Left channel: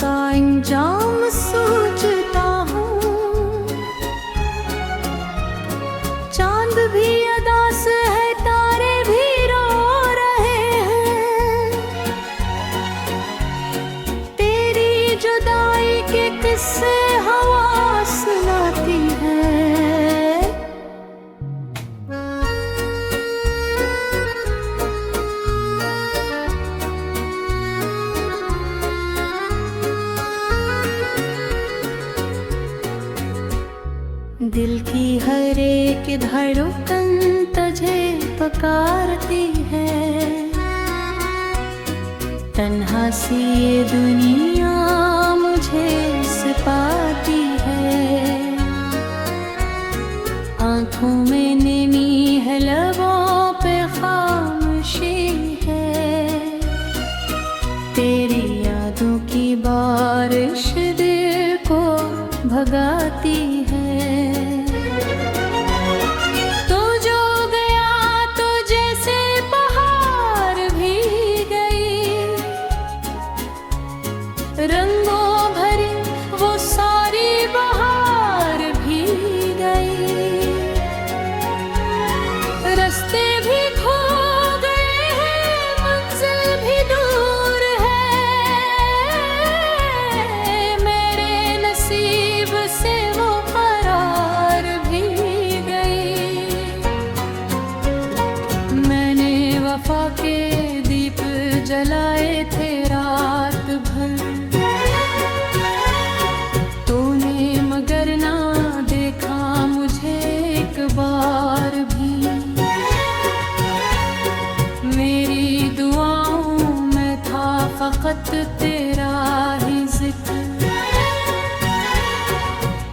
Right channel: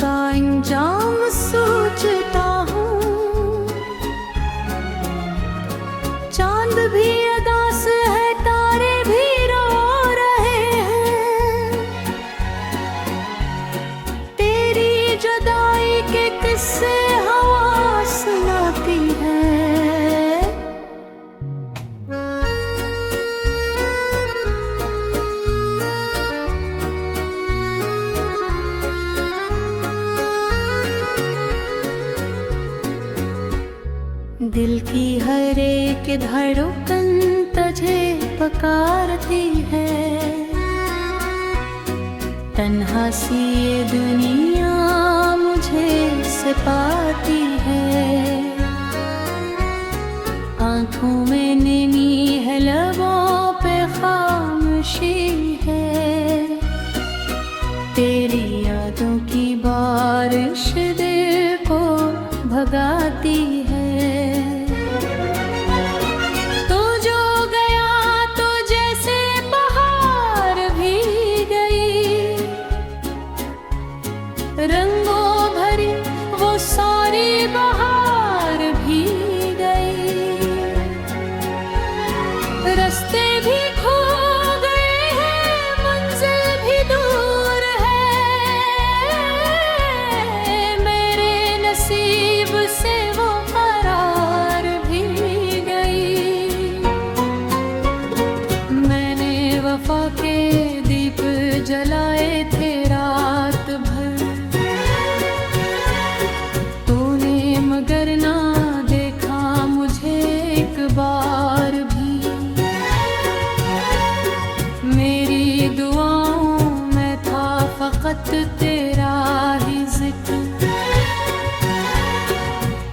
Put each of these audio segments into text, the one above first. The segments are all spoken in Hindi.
का अंजाम सोचता हूँ। चांद भी अदास है, तारे भी रो रहे हैं। तेरी जुदाई के किस्से हवा सुनाती है। दिल की हर एक धड़कन तुझे पुकारती है। तन्हा सी ये दुनिया मुझे सताती है। आँखों में नमी है, लबों पे खामोशी है। तेरी यादों की बारिश दिल को भगाती है। तू जो गया तो जैसे बहार भी गई, रंगों भरी वो सारी बहार भी गई। रास्ते भी खो गए हैं, मंजिल भी दूर है। मेरे नसीब से वो करार भी गई। मैंने वफा के दीप जलाए थे रात भर, तूने मगर ना देखा मुझे एक बार भी। मेरी दुआओं में था फकत तेरा ही जिक्र,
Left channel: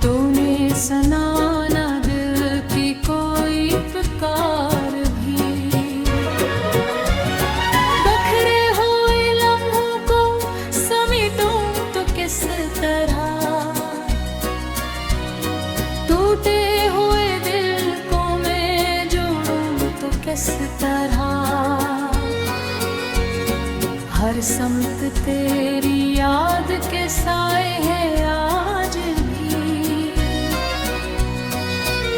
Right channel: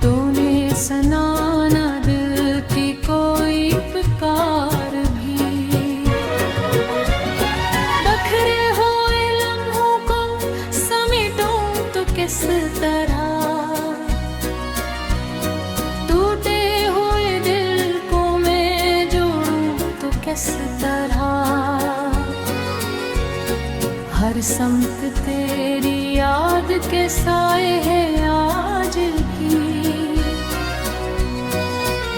तूने सुना ना दिल की कोई पुकार भी। बखरे हुए लम्हों को समेटूं तो किस तरह, टूटे हुए दिल को मैं जोड़ूं तो किस तरह। हर समत तेरी याद के साए है आज भी।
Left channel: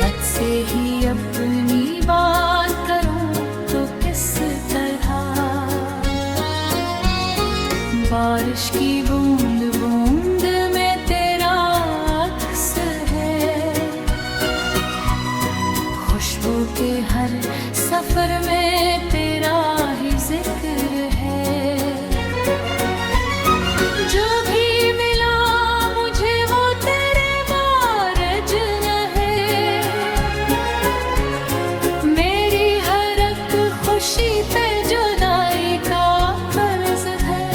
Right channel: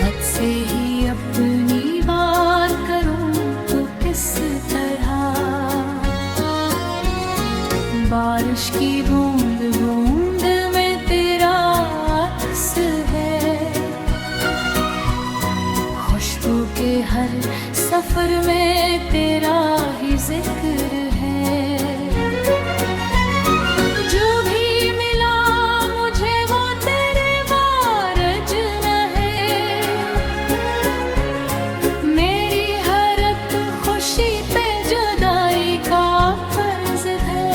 हद से ही अपनी बात करूं तो किस तरह। बारिश की बूंद बूंद में तेरा अक्स है। खुशबू के हर सफर में तेरा ही जिक्र है। जो भी मिला मुझे वो तेरे वारज न है। मेरी हर एक खुशी पे जुदाई का कर्ज है।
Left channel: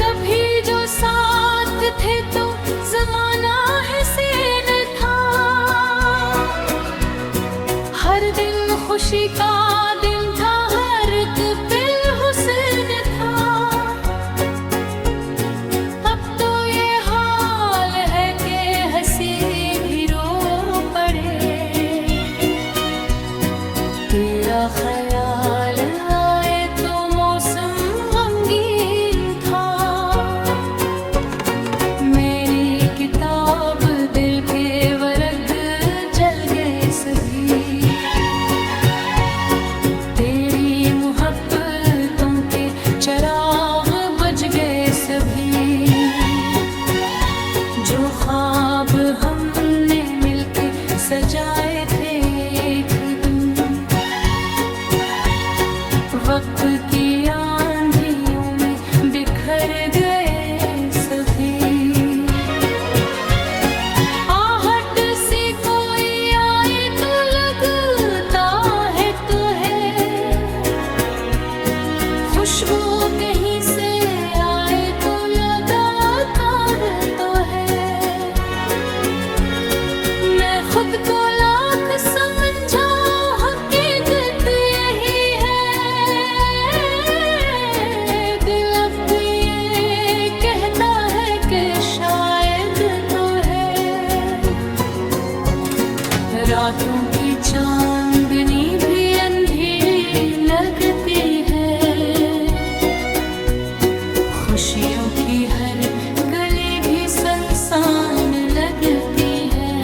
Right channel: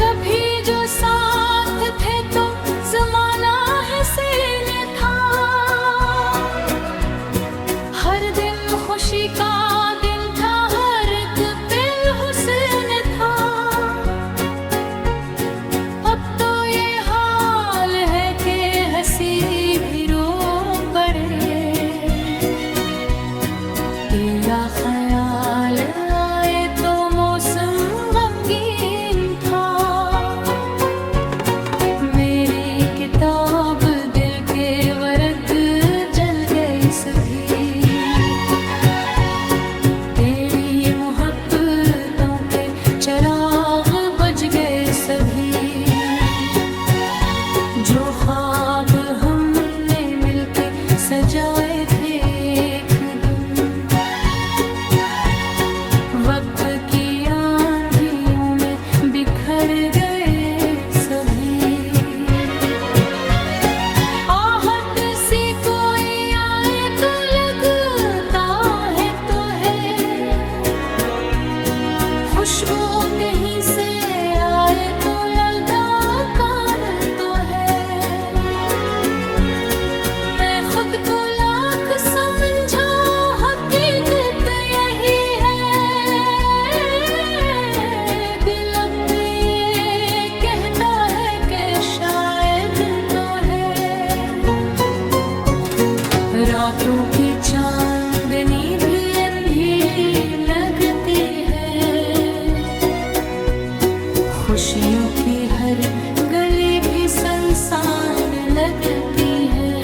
कभी जो साथ थे तो जमाना हसीन था। हर दिन खुशी का दिन था, हर एक पल हुस्न था। अब तो ये हाल है कि हंसी भी रो पड़े। तेरा ख्याल आए तो मौसम गमगीन था। मेरी किताब दिल के वर्ग जल गए सभी। तेरी मोहब्बतों के चिराग बुझ गए सभी। जो ख्वाब हमने मिलके सजाए थे एक दिन, वक्त की आंधियों में बिखर गए सभी। आहट से कोई आए तो लगता है तो है। खुशबू कहीं से आए तो लगातार तो है। मैं खुद को लाख समझा, हकीकत यही है। दिल अब भी ये कहता है कि शायद तो है। रातों की चांदनी भी अंधेरी लगती है, खुशियों की हर गली भी सुनसान लगती है।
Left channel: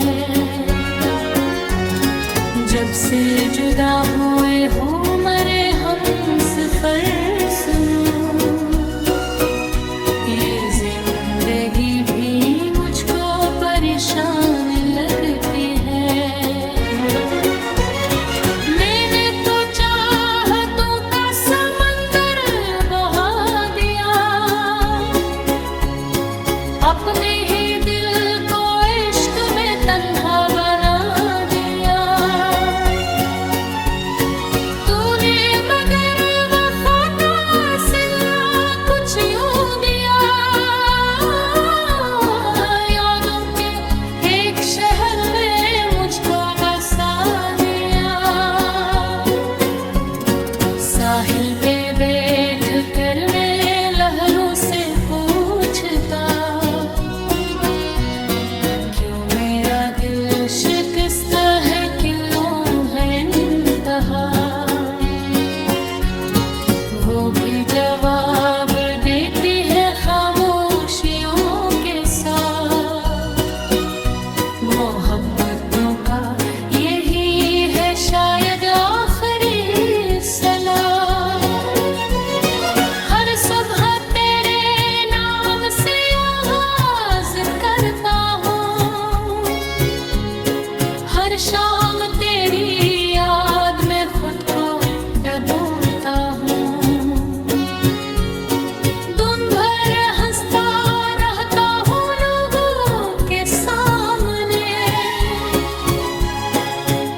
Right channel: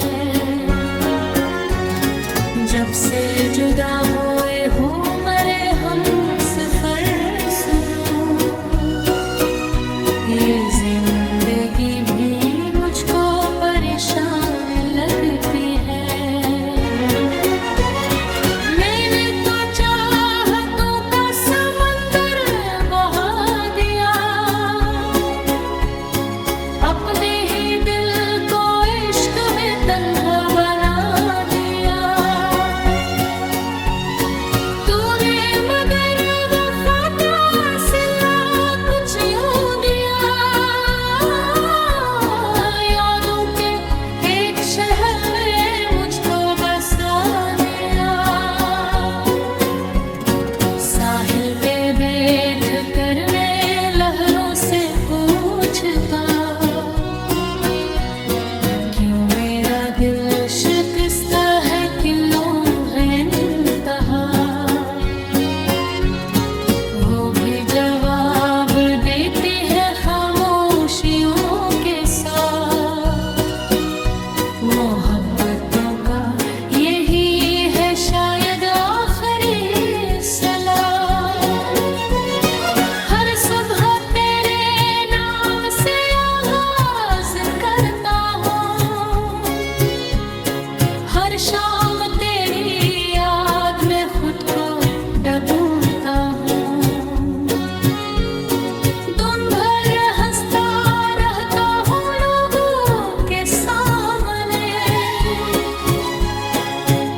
जब से जुदा हुए हो मरे हम सफर सुनो, ये जिंदगी भी मुझको परेशान लगती है। मैंने तो चाहतों का समंदर बहा दिया, अपने ही दिल को इश्क में तन्हा बना दिया। तूने मगर वफा का सिला कुछ यूं दिया, यादों के एक शहर में मुझको बसा दिया। साहिल पे बैठ कर मैं लहरों से पूछता, क्यों मेरा दिल शिकस्ता है, क्यों है इंतहा। वो भी जवाब देती है खामोशियों के साथ। मोहब्बतों का यही है शायद आखिरी सलाह। हर सुबह तेरे नाम से आवाज करता हूँ, हर शाम तेरी याद में खुद को डूबता हूँ। दिन भर हंसता रहता हूँ लोगों के सामने,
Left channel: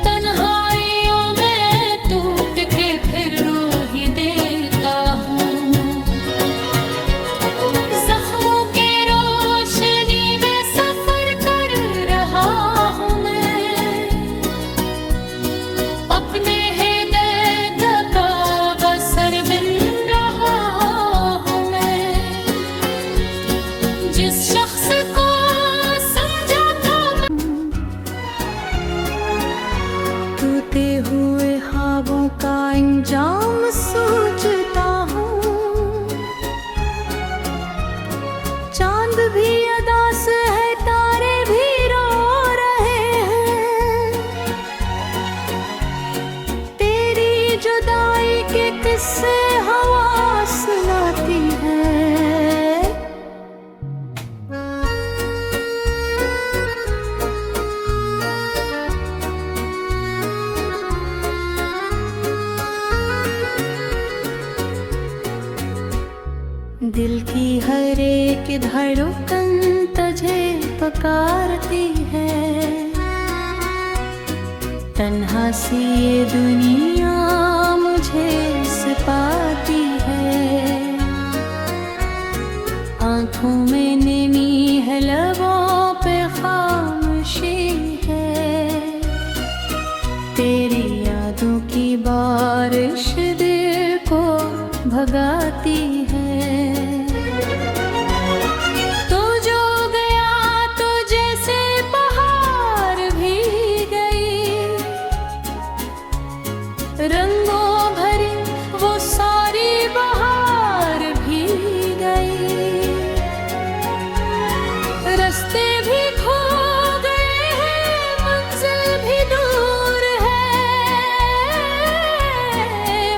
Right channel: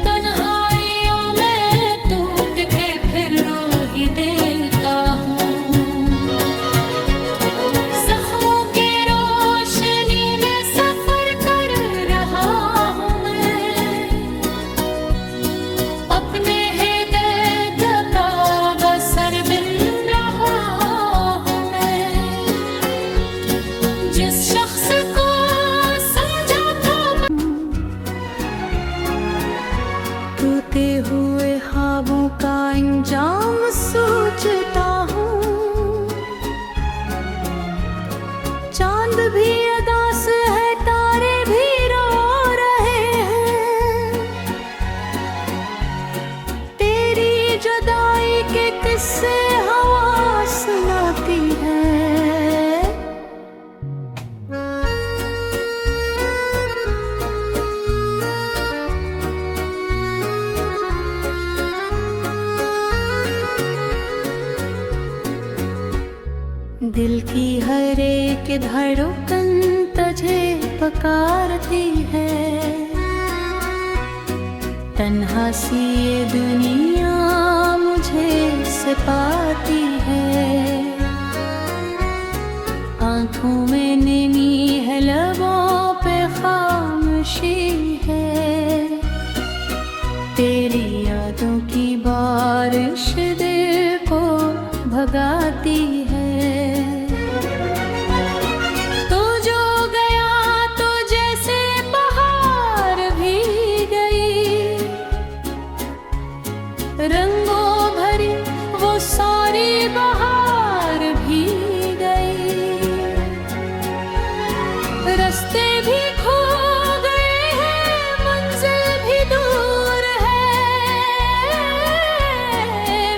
तन्हाइयों में टूट के फिर रो ही देता हूँ। जख्मों की रोशनी में सफर कर रहा हूँ मैं, अपने हृदय का बसर बिन रहा हूँ मैं। जिस शख्स को समझा था टूटे हुए ख्वाबों का अंजाम सोचता हूँ। चांद भी अदास है, तारे भी रो रहे हैं, तेरी जुदाई के किस्से हवा सुनाती है। दिल की हर एक धड़कन तुझे पुकारती है, तन्हा सी ये दुनिया मुझे सताती है। आँखों में नमी है, लबों पे खामोशी है, तेरी यादों की बारिश दिल को भगाती है। तो जो गया तो जैसे बहार भी गई, रंगों भरी वो सारी बहार भी गई। रास्ते भी खो गए हैं, मंजिल भी दूर है,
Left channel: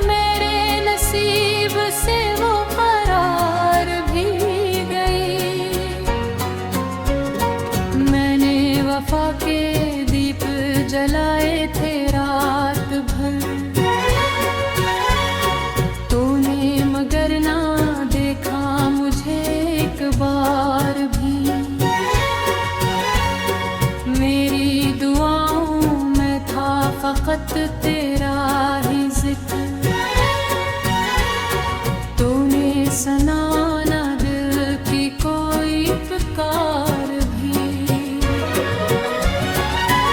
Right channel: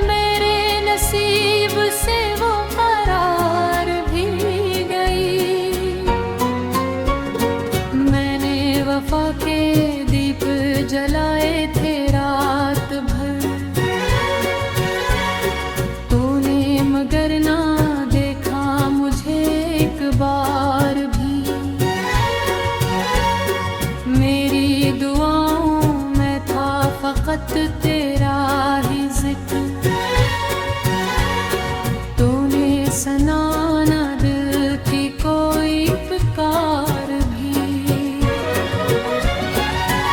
मेरे नसीब से वो करार भी गई। मैंने वफा के दीप जलाए थे रात भर, तूने मगर ना देखा मुझे एक बार भी। मेरी दुआओं में था फकत तेरा ही जिक्र, तूने सुना दिल की कोई पुकार भी।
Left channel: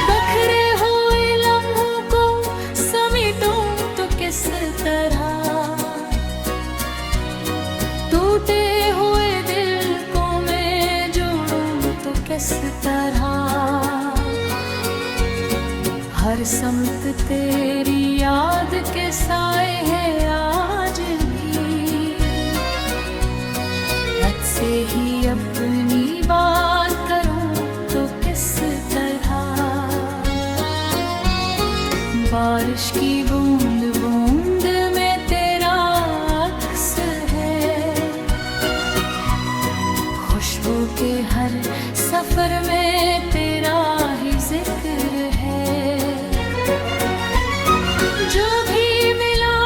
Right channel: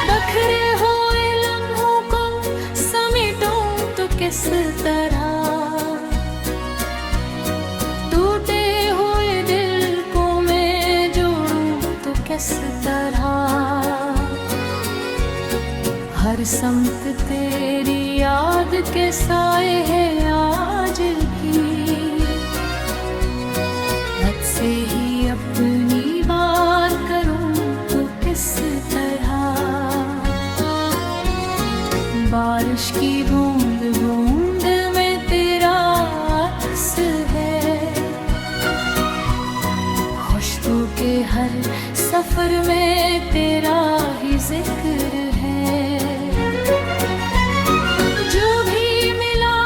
बखरे हुए लम्हों को समेटूं तो किस तरह, टूटे हुए दिल को मैं जोड़ूं तो किस तरह। हर समत तेरी याद के साए है आज भी। हद से ही अपनी बात करूं तो किस तरह, बारिश की बूंद बूंद में तेरा अक्स है। खुशबू के हर सफर में तेरा ही जिक्र है। जो भी मिला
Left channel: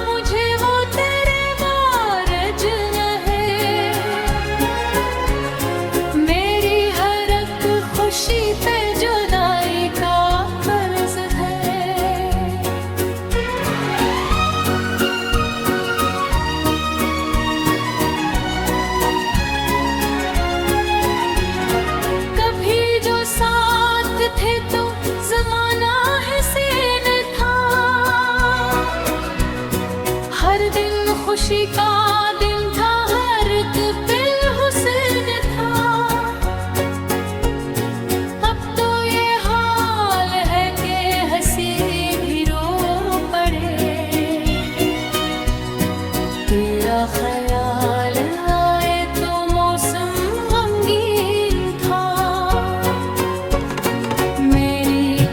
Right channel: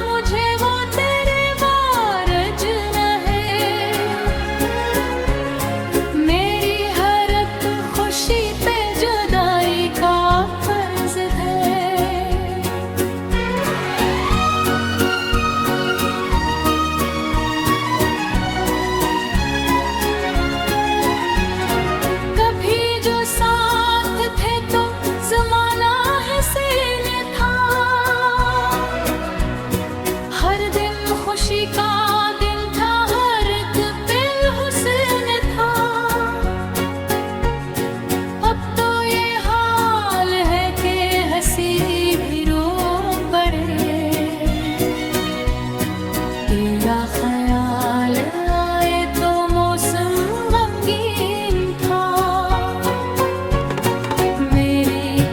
मुझे वो तेरे वारज न है। मेरी हर एक खुशी पे जुदाई का कर्ज है। साथ थे तो जमाना हसीन था। हर दिन खुशी का दिन था, हर एक पल हुस्न था। अब तो ये हाल है कि हंसी भी रो पड़े। तेरा ख्याल आए तो मौसम गमगीन था।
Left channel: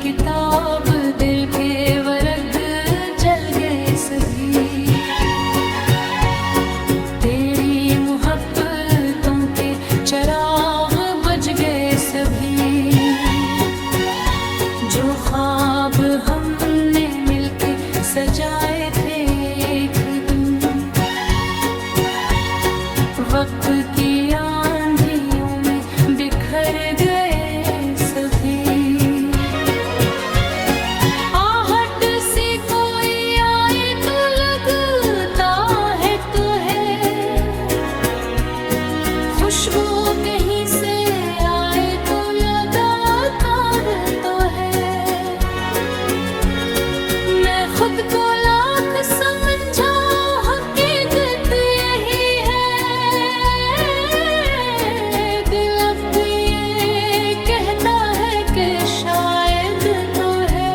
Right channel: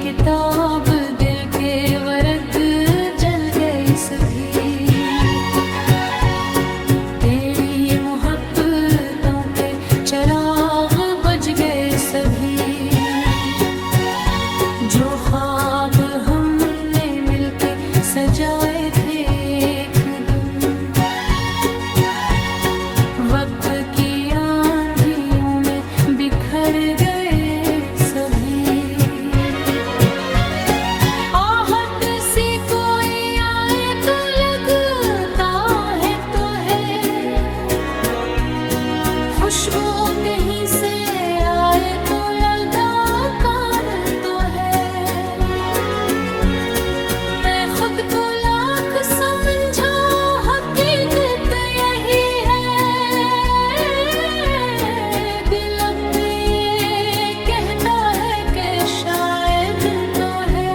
किताब दिल के वर्ग जल गए सभी। तेरी मोहब्बतों के चिराग बुझ गए सभी। जो ख्वाब हमने मिलके सजाए थे एक दिन, वक्त की आंधियों में बिखर गए सभी। खुशबू कहीं से आए तो लगातार तो है। मैं खुद को लाख समझा, हकीकत यही है। दिल अब भी ये कहता है कि शायद तो है।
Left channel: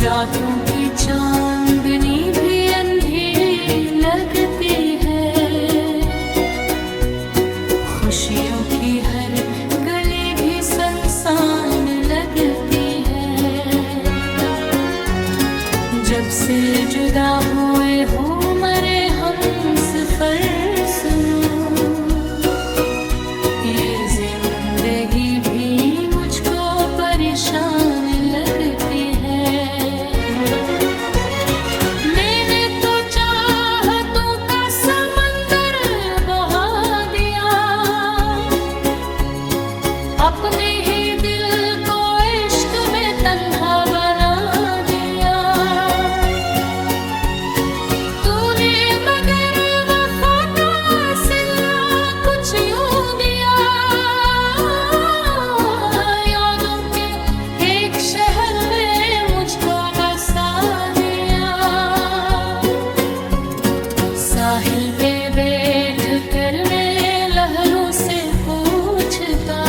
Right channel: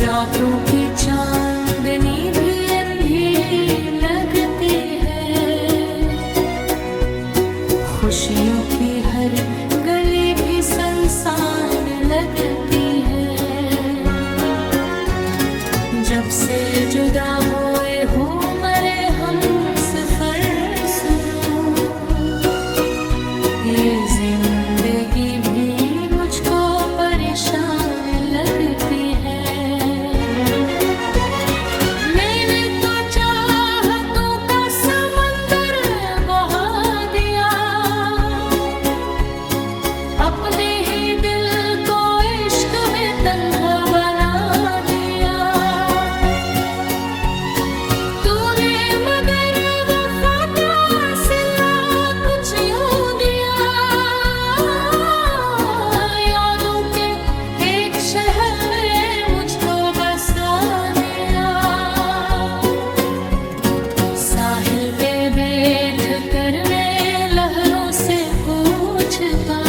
रातों की चांदनी भी अंधेरी लगती है। खुशियों की हर गली भी सुनसान लगती है। जब से जुदा हुए हो मरे हम सफर सुनो। ये जिंदगी भी मुझको परेशान लगती है। मैंने तो चाहतों का समंदर बहा दिया। अपने ही दिल को इश्क में तन्हा बना दिया। तूने मगर वफा का सिला कुछ यूं दिया। यादों के एक शहर में मुझको बसा दिया। साहिल पे बैठ कर मैं लहरों से पूछता,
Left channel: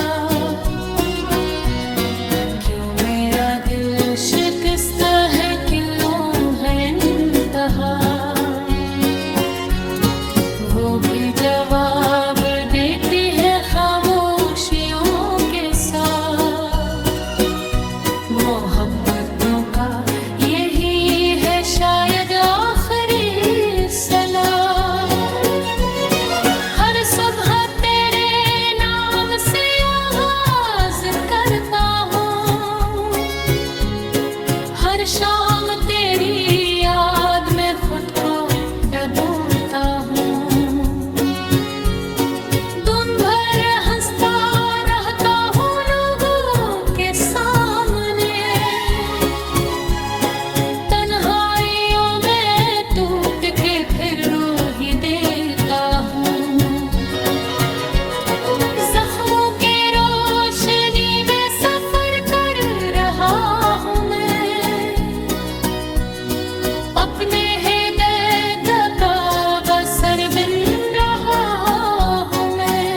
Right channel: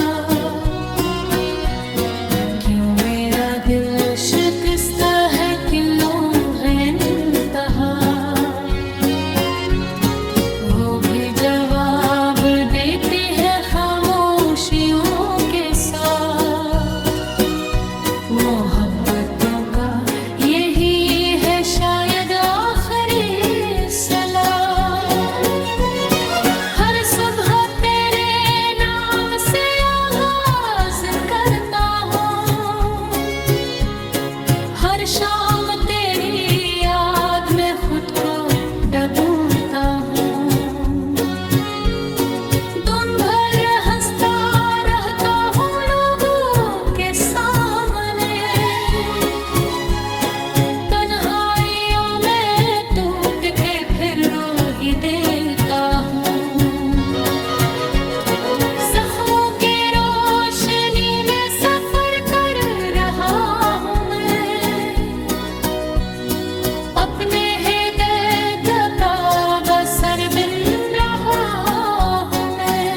क्यों मेरा दिल शिकस्ता है, क्यों है इंतहा। वो भी जवाब देती है खामोशियों के साथ। मोहब्बतों का यही है शायद आखिरी सलाह। हर सुबह तेरे नाम से आवाज करता हूँ। हर शाम तेरी याद में खुद को डूबता हूँ। दिन भर हंसता रहता हूँ लोगों के सामने। तन्हाइयों में टूट के फिर रो ही देता हूँ। जख्मों की रोशनी में सफर कर रहा हूँ मैं। अपने हृदय का बसर बिन रहा हूँ मैं।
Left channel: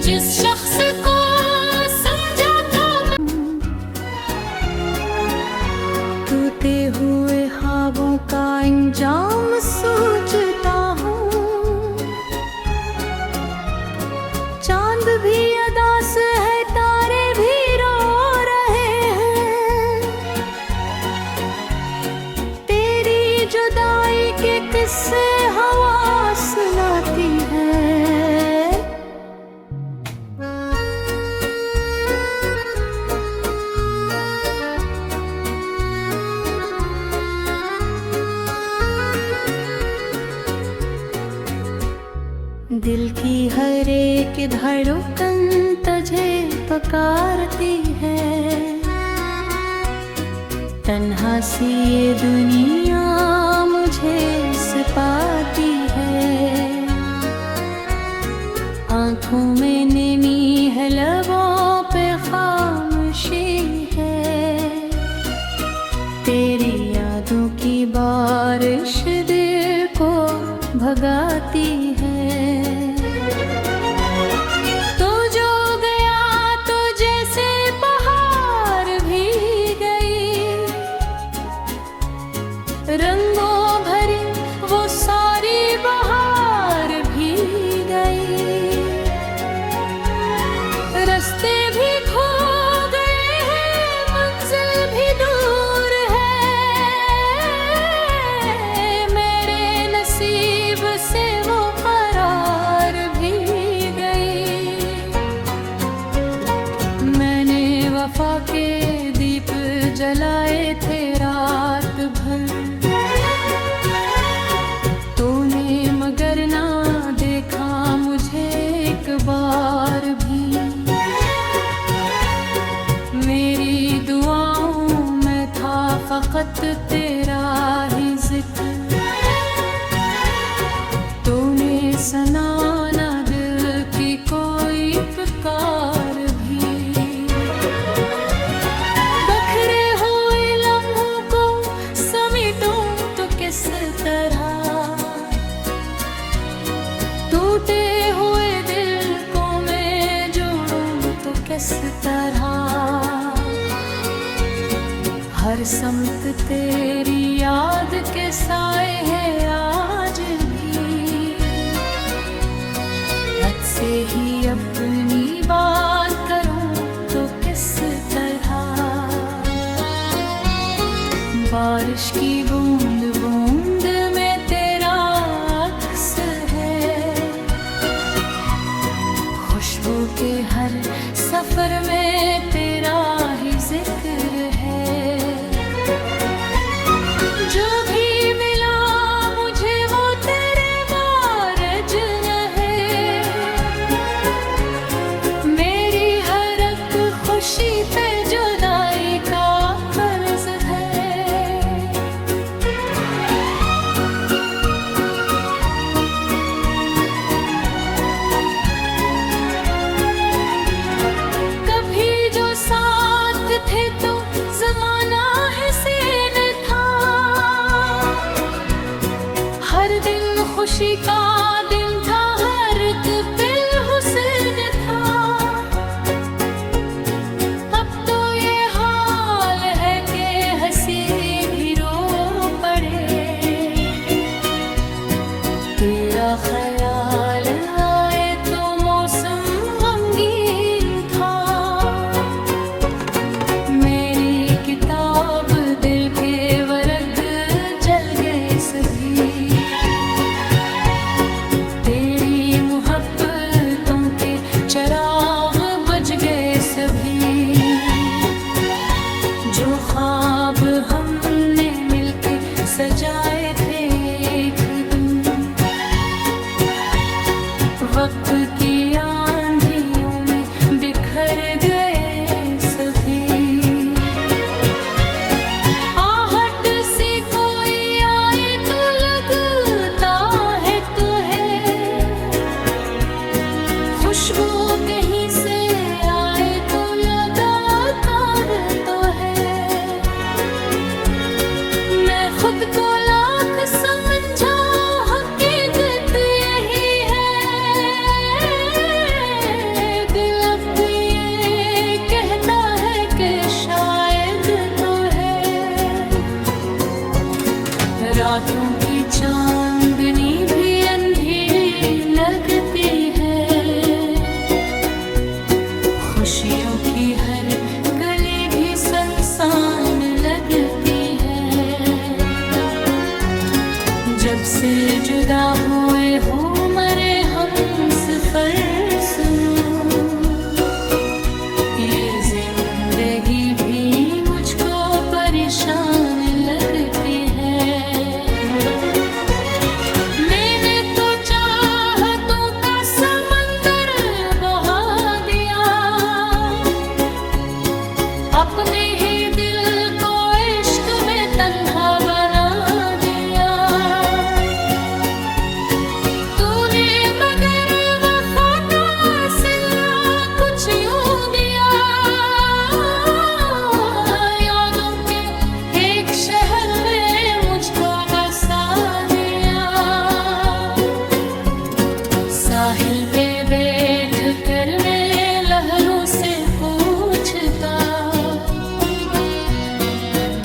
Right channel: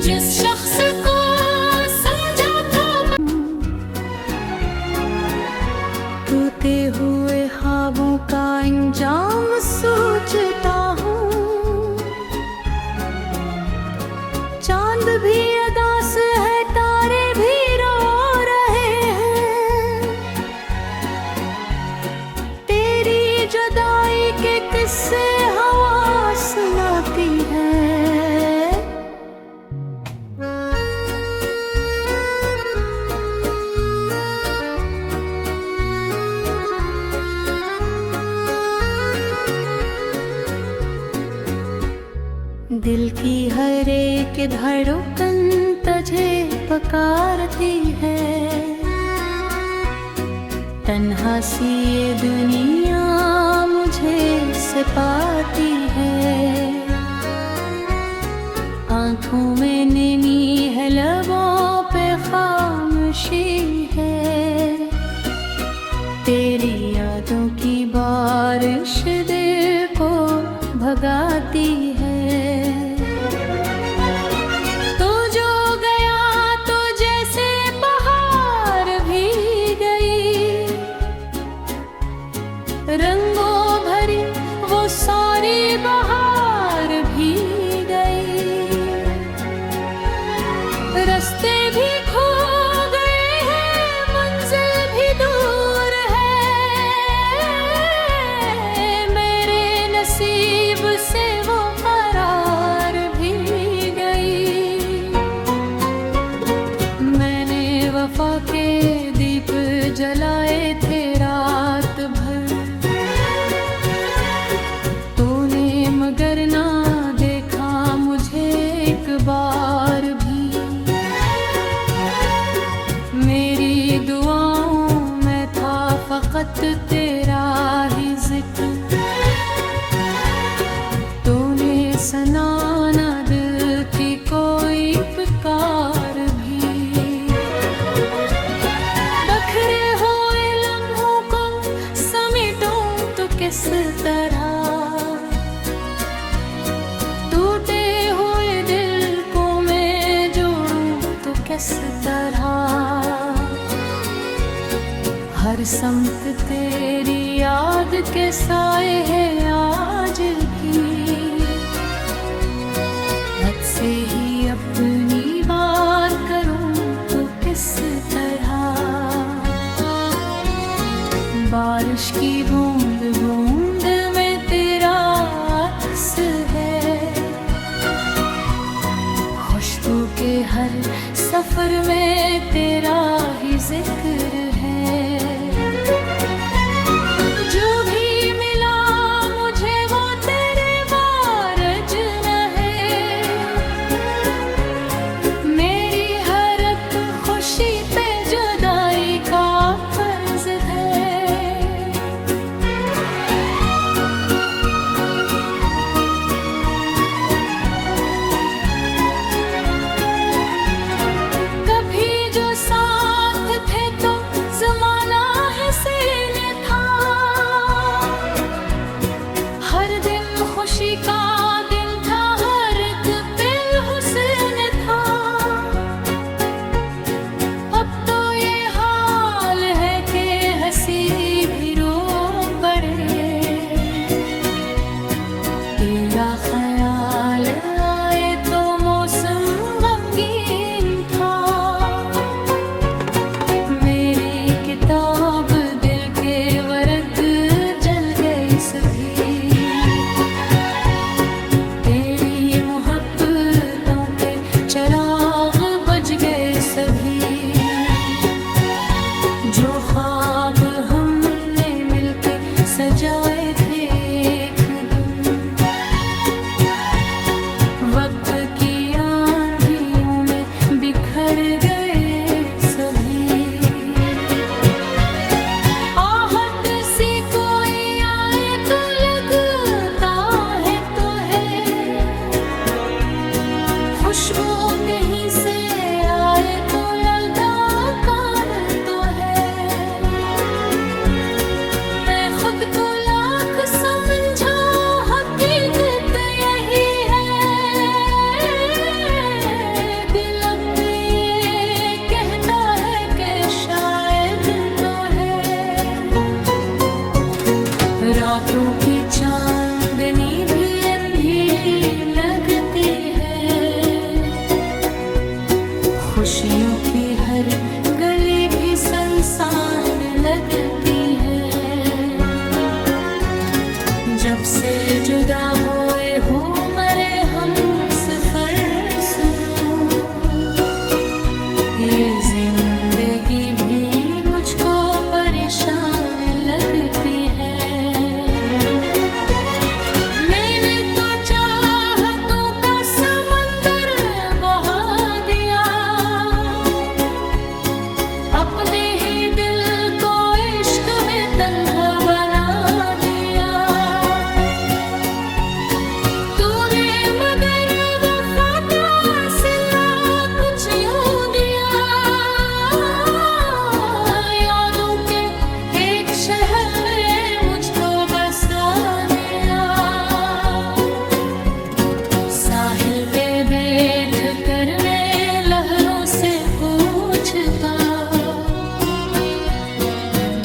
जिस शख्स को समझा हुए ख्वाबों का अंजाम सोचता हूँ। चांद भी अदास है, तारे भी रो रहे हैं। तेरी जुदाई के किस्से हवा सुनाती है। दिल की हर एक धड़कन तुझे पुकारती है। तन्हा सी ये दुनिया मुझे सताती है। आँखों में नमी है, लबों पे खामोशी है। तेरी यादों की बारिश दिल को भगाती है। तू जो गया तो जैसे बहार भी गई, रंगों भरी वो सारी बहार भी गई। रास्ते भी खो गए हैं, मंजिल भी दूर है। मेरे नसीब से वो करार भी गई। मैंने वफा के दीप जलाए थे रात भर, तूने मगर ना देखा मुझे एक बार भी। मेरी दुआओं में था फकत तेरा ही जिक्र, तूने सुना दिल की कोई पुकार भी। बखरे हुए लम्हों को समेटूं तो किस तरह, टूटे हुए दिल को मैं जोड़ूं तो किस तरह। हर समत तेरी याद के साए है आज भी। हद से ही अपनी बात करूं तो किस तरह। बारिश की बूंद बूंद में तेरा अक्स है। खुशबू के हर सफर में तेरा ही जिक्र है। जो भी मिला मुझे वो तेरे वारज न है। मेरी हर एक खुशी पे जुदाई का कर्ज है। कभी जो साथ थे तो जमाना हसीन था। हर दिन खुशी का दिन था, हर एक पल हुस्न था। अब तो ये हाल है कि हंसी भी रो पड़े। तेरा ख्याल आए तो मौसम गमगीन था। मेरी किताब दिल के वर्ग जल गए सभी। तेरी मोहब्बतों के चिराग बुझ गए सभी। जो ख्वाब हमने मिलके सजाए थे एक दिन, वक्त की आंधियों में बिखर गए सभी। आहट से कोई आए तो लगता है तो है। खुशबू कहीं से आए तो लगातार तो है। मैं खुद को लाख समझा, हकीकत यही है। दिल अब भी ये कहता है कि शायद तो है। रातों की चांदनी भी अंधेरी लगती है, खुशियों की हर गली भी सुनसान लगती है। जब से जुदा हुए हो मरे हम सफर सुनो, ये जिंदगी भी मुझको परेशान लगती है। मैंने तो चाहतों का समंदर बहा दिया, अपने ही दिल को इश्क में तन्हा बना दिया। तूने मगर वफा का सिला कुछ यूं दिया, यादों के एक शहर में मुझको बसा दिया। साहिल पे बैठ कर मैं लहरों से पूछता,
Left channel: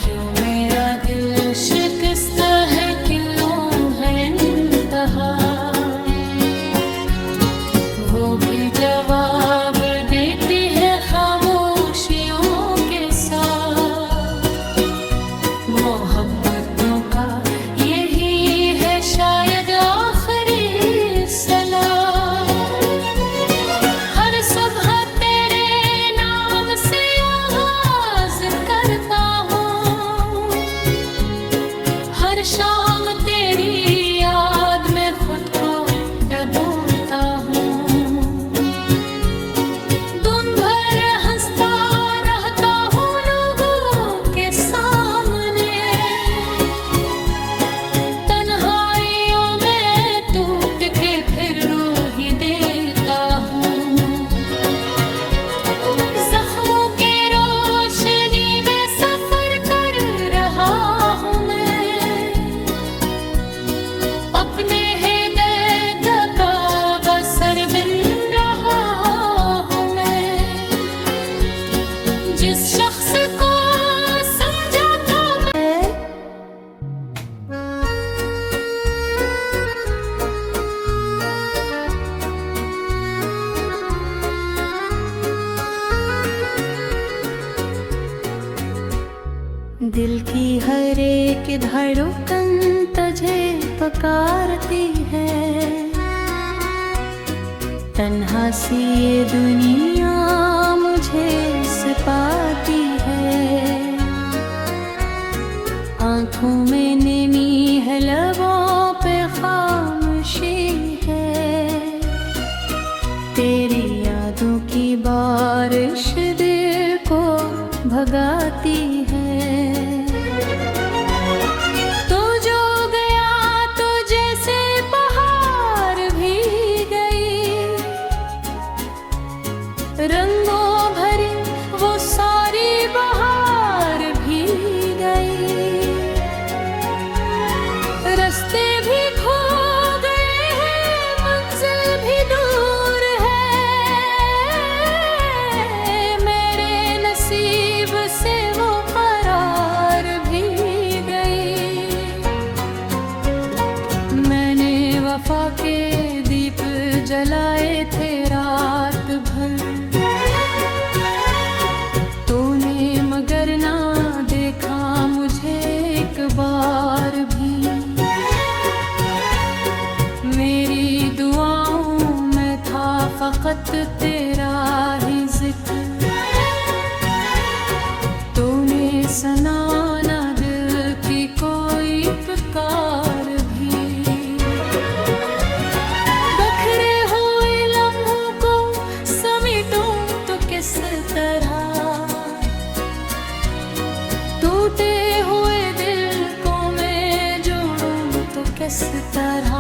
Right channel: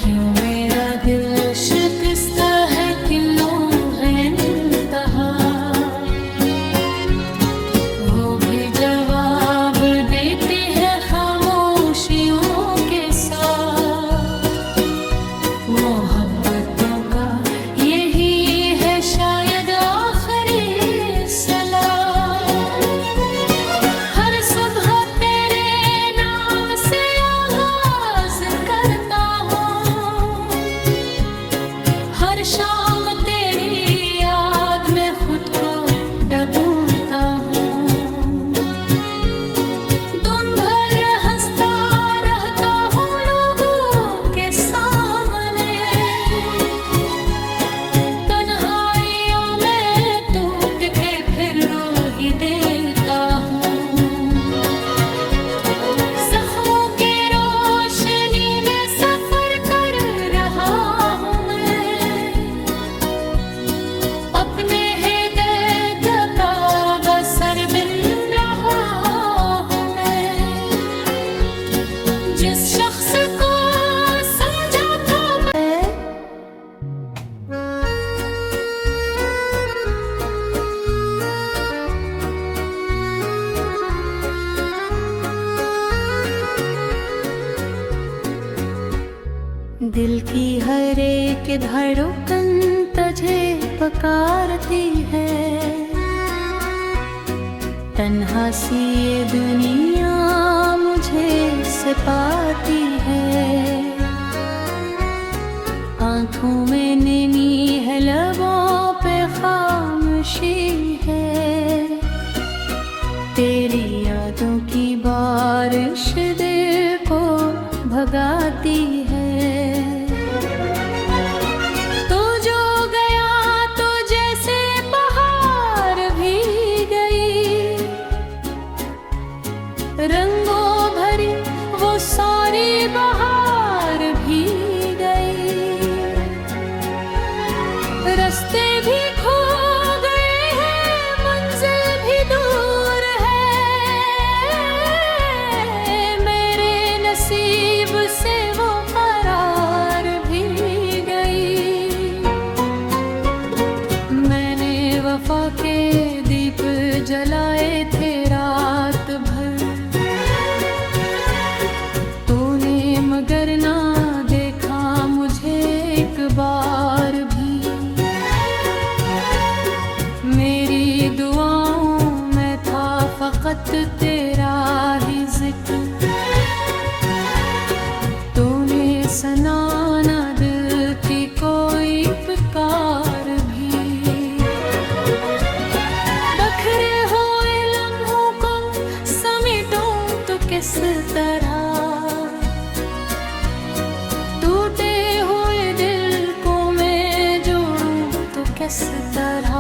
क्यों मेरा दिल शिकस्ता है, क्यों है इंतहा। वो भी जवाब देती है खामोशियों के साथ। मोहब्बतों का यही है शायद आखिरी सलाह। हर सुबह तेरे नाम से आवाज करता हूँ, हर शाम तेरी याद में खुद को डूबता हूँ। दिन भर हंसता रहता हूँ लोगों के सामने, तन्हाइयों में टूट के फिर रो ही देता हूँ। जख्मों की रोशनी में सफर कर रहा हूँ मैं, अपने सर बिन रहा हूँ मैं। जिस शख्स को समझा था मैं, दिल की हर एक धड़कन तुझे पुकारती है। तन्हा सी ये दुनिया मुझे सताती है। आँखों में नैनी है, लबों पे खामोशी है। तेरी यादों की बारिश दिल को भगाती है। तो जो गया तो जैसे बहार भी गई, रंगों भरी वो सारी बहार भी गई। रास्ते भी खो गए हैं, मंजिल भी दूर है। मेरे नसीब से वो करार भी गई। मैंने वफा के दीप जलाए थे रात भर, मगर ना देखा मुझे एक बार भी। मेरी दुआओं में था फकत तेरा ही जिक्र। तूने सुना ना दिल की कोई पुकार भी। बखरे हुए लम्हों को समेटूं तो किस तरह, टूटे हुए दिल को मैं जोड़ूं तो किस तरह।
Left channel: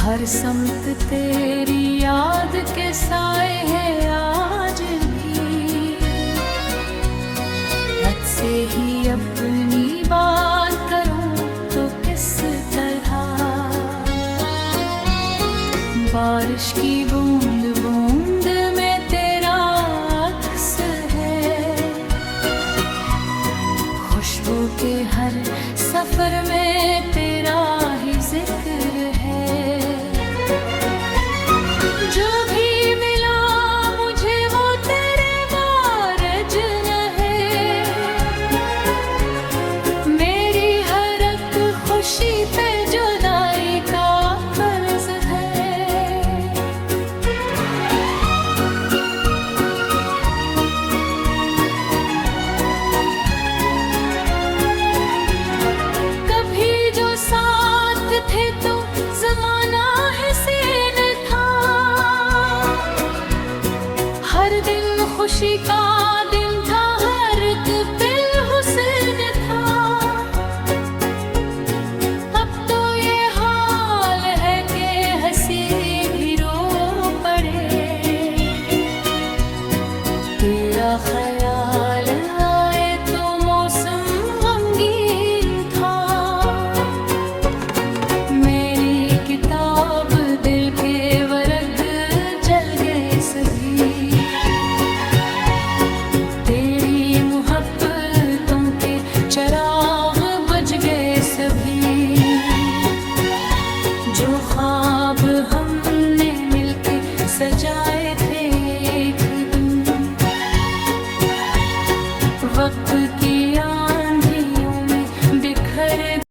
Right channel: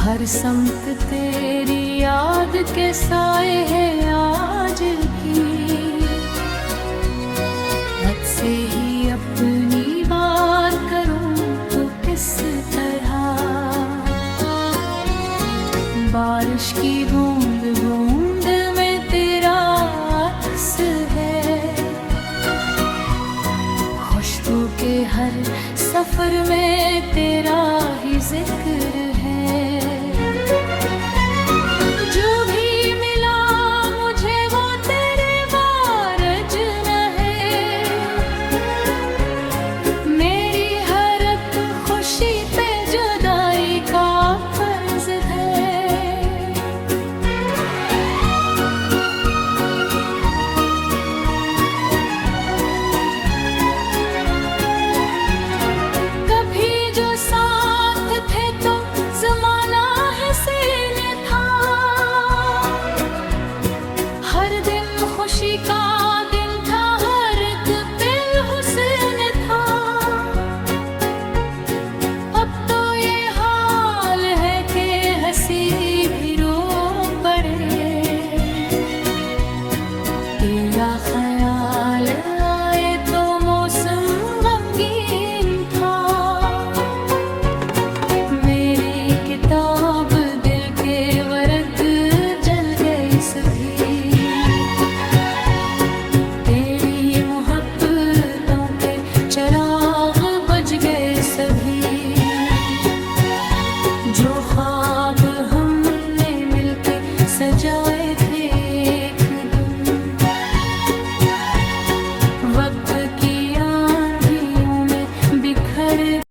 हर समत तेरी याद के साए है आज भी। हद से ही अपनी बात करूं तो किस तरह। बारिश की बूंद बूंद में तेरा अक्स है, खुश खुशबू के हर सफर में तेरा ही जिक्र है। जो भी मिला मुझे वो तेरे वारज न है। मेरी हर एक खुशी पे जुदाई का कर्ज है। कभी जो साथ थे तो जमाना हसीन था। हर दिन खुशी का दिन था, हर एक पल हुस्न था। अब तो ये हाल है कि हंसी भी रो पड़े। तेरा ख्याल आए तो मौसम गमगीन था। मेरी किताब दिल के वर्ग जल गए सभी। तेरी मोहब्बतों के चिराग बुझ गए सभी। जो ख्वाब हमने मिलके सजाए थे एक दिन, वक्त की आंधियों में बिखर